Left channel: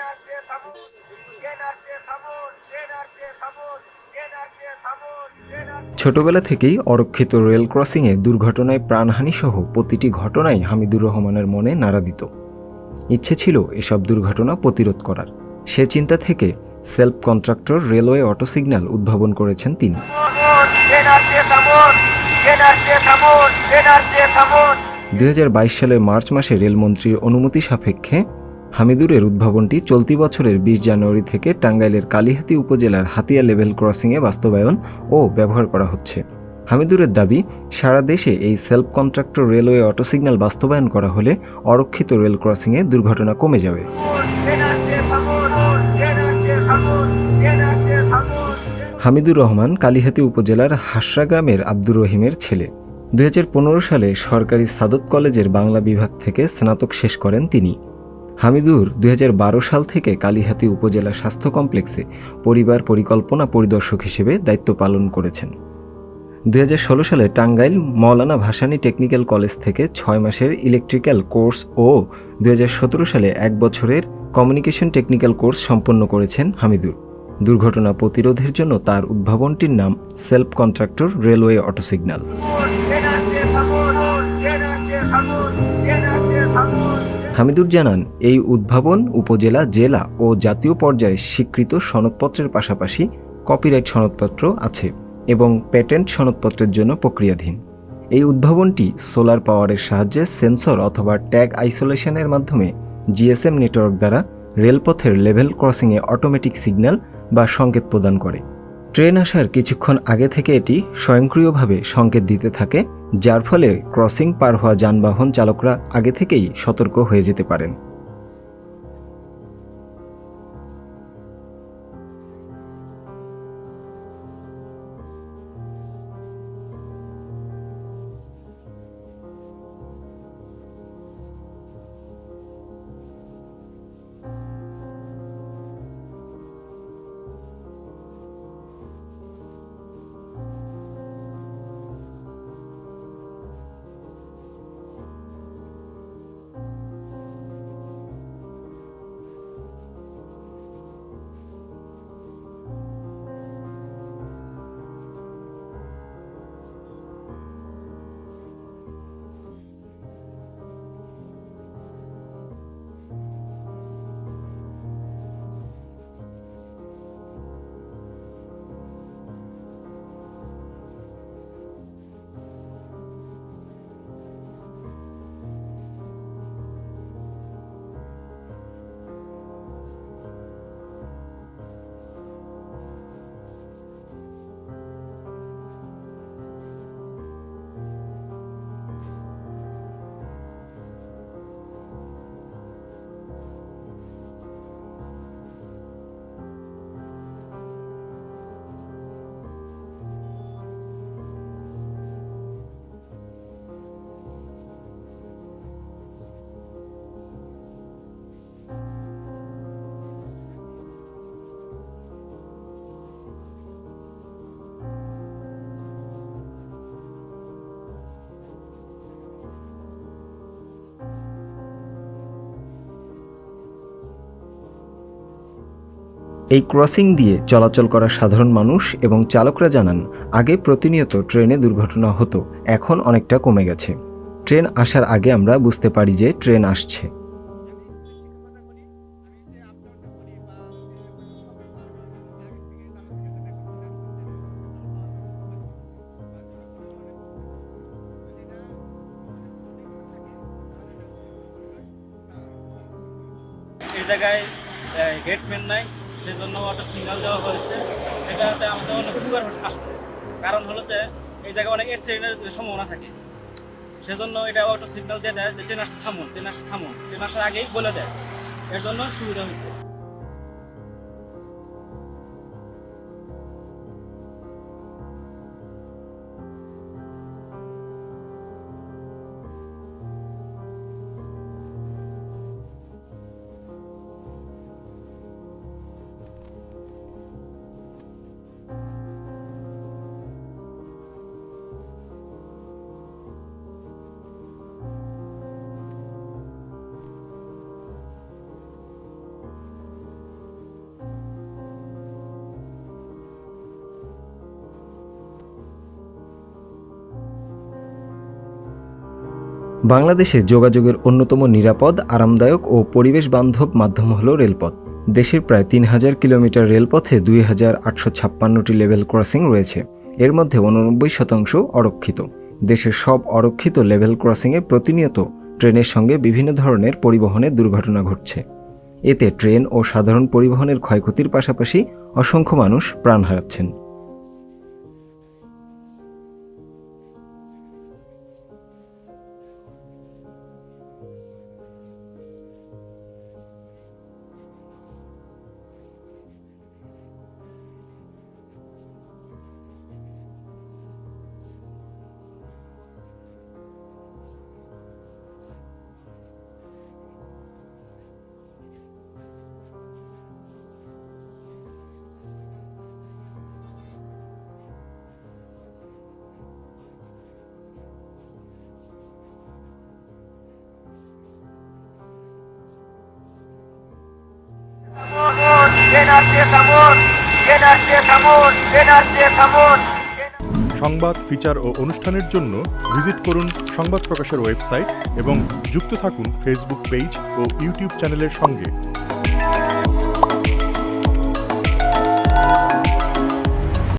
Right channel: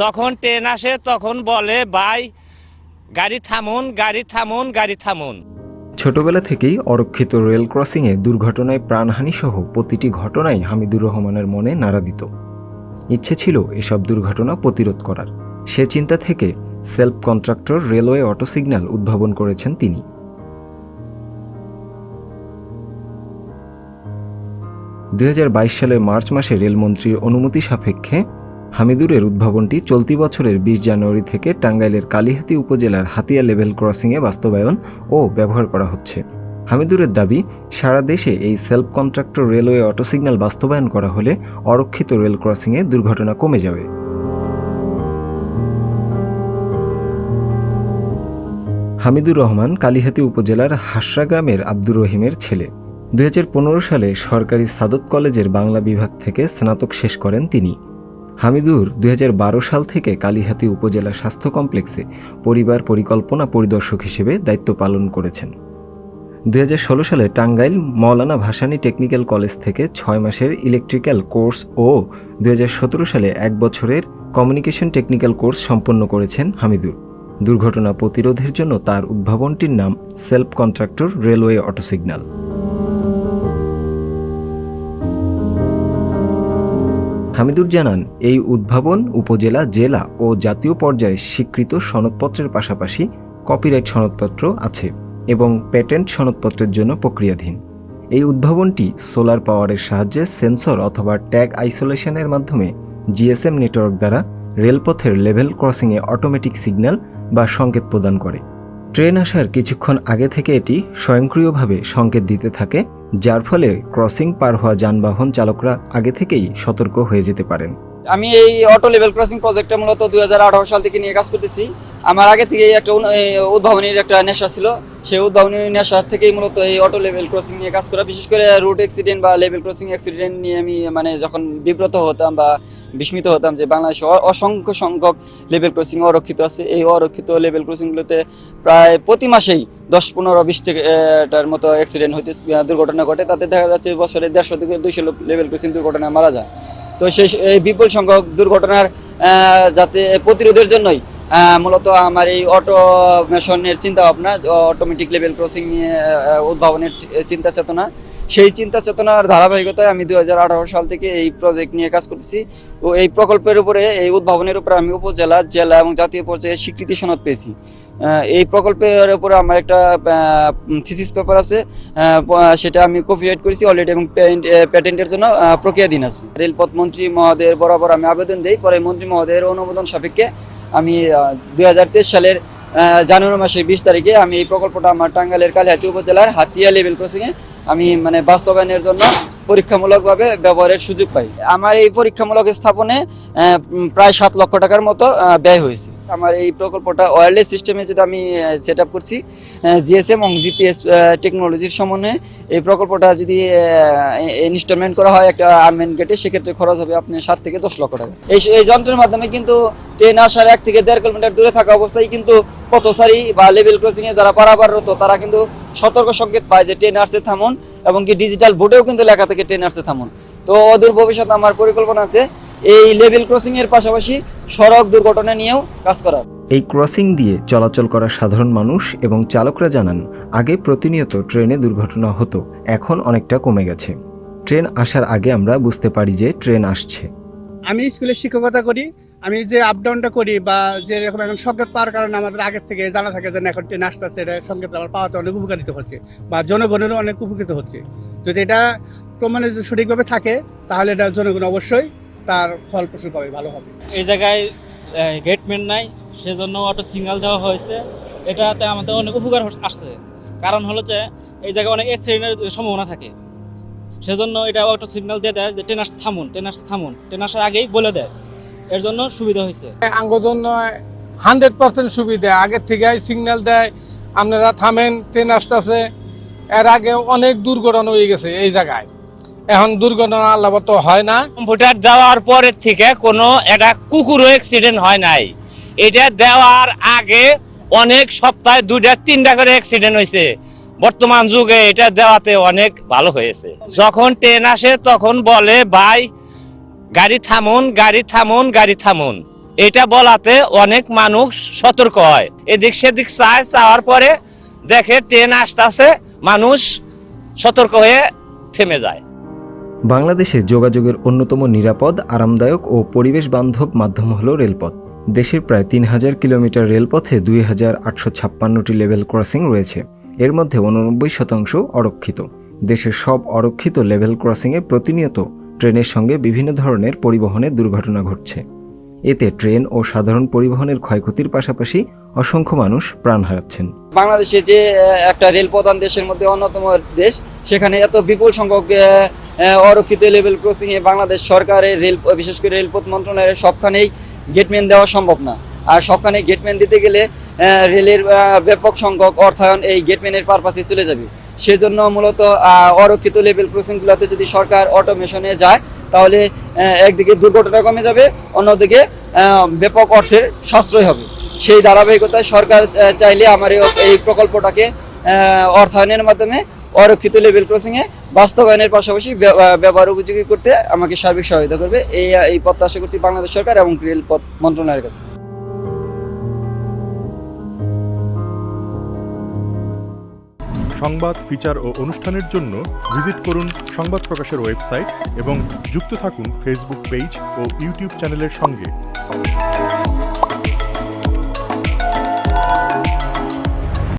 যখন ট্রেন আসে তখন বলে ভাই গাড়ি থামুন, গাড়ি থামুন, গাড়ি থামুন। ছোটবেলা থেকেই অরক্ষিত রেল ক্রসিংয়ে দুর্ঘটনায় প্রাণহানি সহ প্রতিটি ঘটনাই হামিদুর রহমানের মনে নাড়া দিত। ইচ্ছে ছিল এসব দুর্ঘটনা প্রতিরোধ করার। সে চিন্তা থেকে self contractor railway auto signal উদ্ভাবন করেছেন তিনি। 2022 সালের মার্চ মাসে রেলমন্ত্রীর অনুমতি সাপেক্ষে হামিদুরের উদ্ভাবনটি চলতি বছরের 20 জানুয়ারি থেকে টাঙ্গাইলের কালিহাতী উপজেলার হাতিয়া লেভেল ক্রসিংয়ে বাস্তবায়ন ও ব্যবহার করা হচ্ছে। হামিদুরের দাবি, সারা দেশে এই self contractor railway auto signal বাস্তবায়ন করা হলে অরক্ষিত রেল ক্রসিংয়ে দুর্ঘটনা কমে যাবে। হামিদুর রহমান কালিহাতী উপজেলার হাসরা গ্রামের আব্দুর রহিমের ছেলে। 2015 সালে সরকারি সাদত কলেজের বাংলা বিভাগ থেকে স্নাতক শেষ করেন তিনি। হামিদুর 2012 সাল থেকে কালিহাতী উপজেলা স্বাস্থ্য কমপ্লেক্সে পরিবার পরিকল্পনা পরিদর্শক হিসেবে দায়িত্ব পালন করেছেন। 2016 সালে টাঙ্গাইল মওলানা ভাসানী টেকনিক্যাল কলেজ থেকে 6 মাসের ইলেকট্রিক্যাল কোর্স ও 2017 সালে 1 বছরের কমিউনিকেশন টেকনিক্যাল কোর্স সম্পন্ন করেছেন হামিদুর। দুর্ঘটনা প্রতিরোধের জন্য তার উদ্ভাবনটির নাম self contractor railway auto signal. Hamidur জানান, এই উদ্ভাবন উপজেলা, জেলা ও জাতীয় পর্যায়ে স্বীকৃত সনদপত্রের পাশাপাশি কপিরাইট সনদপত্র আছে এবং প্যাটেন্ট সনদপত্রের জন্য প্রক্রিয়াধীন। এই উদ্ভাবনটি সোলার পাওয়ারের সাহায্যে সেন্সর অথবা ট্যাগ আইসোলেশনের মাধ্যমে জিএসএম নেটওয়ার্ক দ্বারা রেলপথের লেভেল ক্রসিংয়ে অটোমেটিক সিগন্যাল বা সংকেত প্রদান করে। ট্রেন আসার কিছুক্ষণ আগে থেকে এটি স্বয়ংক্রিয়ভাবে সংকেত দিতে থাকে, যার ফলে ক্রসিং পার হওয়া যানবাহন চালকরা আগে থেকেই সতর্ক হয়ে যেতে পারেন। আমি এই অটো লেভেল ক্রসিং প্রজেক্টটা মূলত 2018 সাল থেকে নিয়ে কাজ করতেছি। আমার আগে থেকে একটা উদ্ভাবনীর একটা নেশা ছিল। সেই উদ্ভাবনীর নেশা থেকেই মূলত এই অটো লেভেল ক্রসিং নিয়ে কাজ করা। বিশেষ করে রুট অ্যাক্সিডেন্ট বা লেভেল ক্রসিং অ্যাক্সিডেন্ট নিয়ে আমি যখন বিব্রত হতাম বা বিস্মিত হতাম যে বাংলাদেশে অসংখ্য সংখ্যক লেভেল ক্রসিং অরক্ষিত আছে। এই অরক্ষিত লেভেল ক্রসিংগুলোতে প্রায় প্রতি মাসেই 10, 15, 20 টার মতো অ্যাক্সিডেন্ট হইতে দুর্ঘটনা ঘটে। তাতে দেখা যাচ্ছে বছরে 150 থেকে 200 লেভেল ক্রসিং দুর্ঘটনায় মারা যায়। তো এই বিপুল সংখ্যক দুর্ঘটনার যাতে প্রতিরোধের জন্যই মূলত আমার এই অটোমেশনের চিন্তা ভাবনা, অটোমেটিক লেভেল ক্রসিং নিয়ে উদ্ভাবনের চিন্তা চেতনা। সেই চিন্তা চেতনার ধারাবাহিকতায় আমি 2018 সাল থেকে এই প্রজেক্ট নিয়ে কাজ করতেছি। ও এই প্রকল্পের উপরে, এই উদ্ভাবনের উপরে আমি উপজেলা, জেলা এবং জাতীয় পর্যায়ে স্বীকৃতি সনদ পেয়েছি। এই প্রকল্পের উপরে আমার একটা থিসিস পেপার আছে, সেটা আমি কপিরাইট করেছি অলরেডি এবং প্যাটেন্টের জন্য প্রক্রিয়াধীন আছে। রেলপথ মন্ত্রী মহোদয়ের বরাবর আমি আবেদন দিই, পরে মন্ত্রী মহোদয়ের অনুমোদন সাপেক্ষে আমি 2023 সালের জানুয়ারি মাসের 20 তারিখে আমি এই প্রকল্পটা আমার টাঙ্গাইলের কালিহাতী উপজেলার হাতিয়া লেভেল ক্রসিংয়ে আমি বাস্তবায়নের জন্য পরীক্ষামূলকভাবে ব্যবহারের সুযোগ পাই। আমার এই পরীক্ষামূলক স্থাপনে প্রায় 7 লক্ষ টাকার মতো ব্যয় হয়েছে। আমার এই প্রকল্পটা ওয়্যারলেস সিস্টেমে যেটা আমি সেট আপ করছি, জিএসএম এবং জিপিএস টেকনোলজির সমন্বয়ে এই প্রকল্পটা যদি ইনস্টলমেন্ট করা হয় একটা আর্মেন্ট গেটে, সেক্ষেত্রে খরচ হবে আপনার 7 থেকে 10 লক্ষ টাকা। এই যন্ত্রের মাধ্যমে কিন্তু ট্রেন আসার 1 থেকে 1.5 কিলোমিটার দূরে থাকা অবস্থায় কিন্তু পথচারী বা লেভেল ক্রসিংয়ে যারা পারাপাররত তারা কিন্তু সতর্ক সংকেত পায় যে ট্রেন আসছে থামুন, এবং কি ডিজিটাল বোর্ডেও কিন্তু লেখা থাকে ট্রেন আসছে থামুন। তো অদূর ভবিষ্যতে আমার পরিকল্পনা আছে এই লেভেল ক্রসিং এর পাশাপাশি সড়ক দুর্ঘটনা নিয়েও কাজ করার। এই ক্রসিং দিয়ে চলাচল করা সাধারণ মানুষ এবং চালকরা জানান, আগে প্রতিনিয়ত ট্রেনে দুর্ঘটনা হতো, এখন অনেকটা কমে গেছে। ট্রেন আসার আগে আমরা বুঝতে পারি যে ট্রেন আসছে। আমি স্কুলে শিক্ষকতা করি, আমি যে আপ ডাউনটা করি বা যে এখন সংকেত পাওয়ার কারণে আমাদের আগের থেকে জানা থাকে যে এখন ট্রেন আসতেছে, এটা সংকেত আমার পাওয়াতে অনেক উপকারিত হচ্ছে বা জনগণেরও অনেক উপকৃত হচ্ছে। যদি এটা প্রমাণে সঠিকভাবে থাকে তাহলে এটা জনগণ অবশ্যই তার ফল প্রসূ পাবে, ভালো হবে। এই জায়গায় গেটম্যান নাই, সেজন্য অটো সিগন্যাল দেওয়া হয়েছে। এটাতে আমাদের অনেক উপকার আসছে। কারণ হলো যে এই জায়গায় অনেক অ্যাক্সিডেন্টের সম্ভাবনা থাকে, সেজন্য এটা অটো সিগন্যাল দিয়ে দেয় যে ট্রেন আসতে থামুন, ট্রেন আসতে থামুন, ট্রেন আসার আগেই বলে দেয়। এর জন্য সুবিধা হয়েছে। আঙ্গর জন্য 100% সুবিধা, আগের থেকে সিগন্যাল দেয় আপনারা থামেন, ট্রেন আসতেছে। এর আগে অনেক দুর্ঘটনা হয়ে গেছে এই জায়গায়, এখন দুর্ঘটনা আল্লাহ তো হয় না। কম্পিউটার দেওয়ার পরের থেকে কোনো একটা কুকুরও অ্যাক্সিডেন্ট হয় নাই। এটা দেওয়ার আগে অনেক সপ্তাহে 2টা 3টা করে অ্যাক্সিডেন্ট হয়েছে। বর্তমান যুগে এটা দেওয়াতে অনেক ভালো হয়েছে। যখন ট্রেন আসে তখন বলে ভাই গাড়ি থামুন, গাড়ি থামুন, গাড়ি থামুন। এটা বলাতে অনেক মানুষ সতর্ক হয়, এদিক সেদিক চাওয়ার পরে দেখে ট্রেন আসতেছে, মানুষ সতর্ক হয়ে থেমে যায়। বাংলাদেশে যোগাযোগের অন্যতম নিরাপদ, আরামদায়ক ও পরিবেশ বান্ধব মাধ্যম হল রেলপথ। দেশের প্রায় 3000 কিলোমিটার রেলপথে 2856টি লেভেল ক্রসিং রয়েছে। এর মধ্যে 89% অরক্ষিত। দেশের সব অরক্ষিত লেভেল ক্রসিংয়ে প্রতিনিয়ত ট্রেনের সঙ্গে বিভিন্ন ধরনের পরিবহনের দুর্ঘটনা ঘটছে। এতে ট্রেন ও সাধারণ পরিবহনের ক্ষয়ক্ষতির পাশাপাশি অসংখ্য মানুষ প্রাণ হারাচ্ছেন। বাংলাদেশে যে একটা রেল প্রধান দেশের মধ্যে অন্যতম দেশ, সেখানে এত বিপুল সংখ্যক অরক্ষিত লেভেল ক্রসিংয়ে বাংলাদেশ সরকারের রেল, বিশেষ করে রেলপথ মন্ত্রণালয়ের সবখানেই গেটম্যান দেওয়া সম্ভব না। আর সবখানে গেটম্যান দিতে গেলে রেলের ব্যাপক সংখ্যক অর্থায়ন এই গেটম্যানের পারপাসে চলে যাবে। সেজন্য মূলত অরক্ষিত লেভেল ক্রসিংগুলোতে যদি সরকার অটোমেশনে যায়, তাহলে একদিকে দুর্ঘটনা কমে যাবে, অন্যদিকে ব্যাপক অর্থের সাশ্রয় হবে। সেই ধারাবাহিকতায় সরকার চাইলে আমার এই প্রকল্পটাকে অর্থায়নের মাধ্যমে অরক্ষিত লেভেল ক্রসিংয়ে বাস্তবায়নের পাশাপাশি ব্যবহার উপযোগী করতে আমাকে সার্বিক সহায়তা করবে, এই প্রত্যাশা করছি বাংলাদেশ সরকার এবং রেলপথ মন্ত্রণালয়ের কাছে। সংবাদ, ফিচার ও অনুষ্ঠানের জন্য ভিজিট করুন সংবাদ প্রকাশের ওয়েবসাইট এবং যুক্ত থাকুন ফেসবুক পেজ ও ইউটিউব চ্যানেলের সঙ্গে।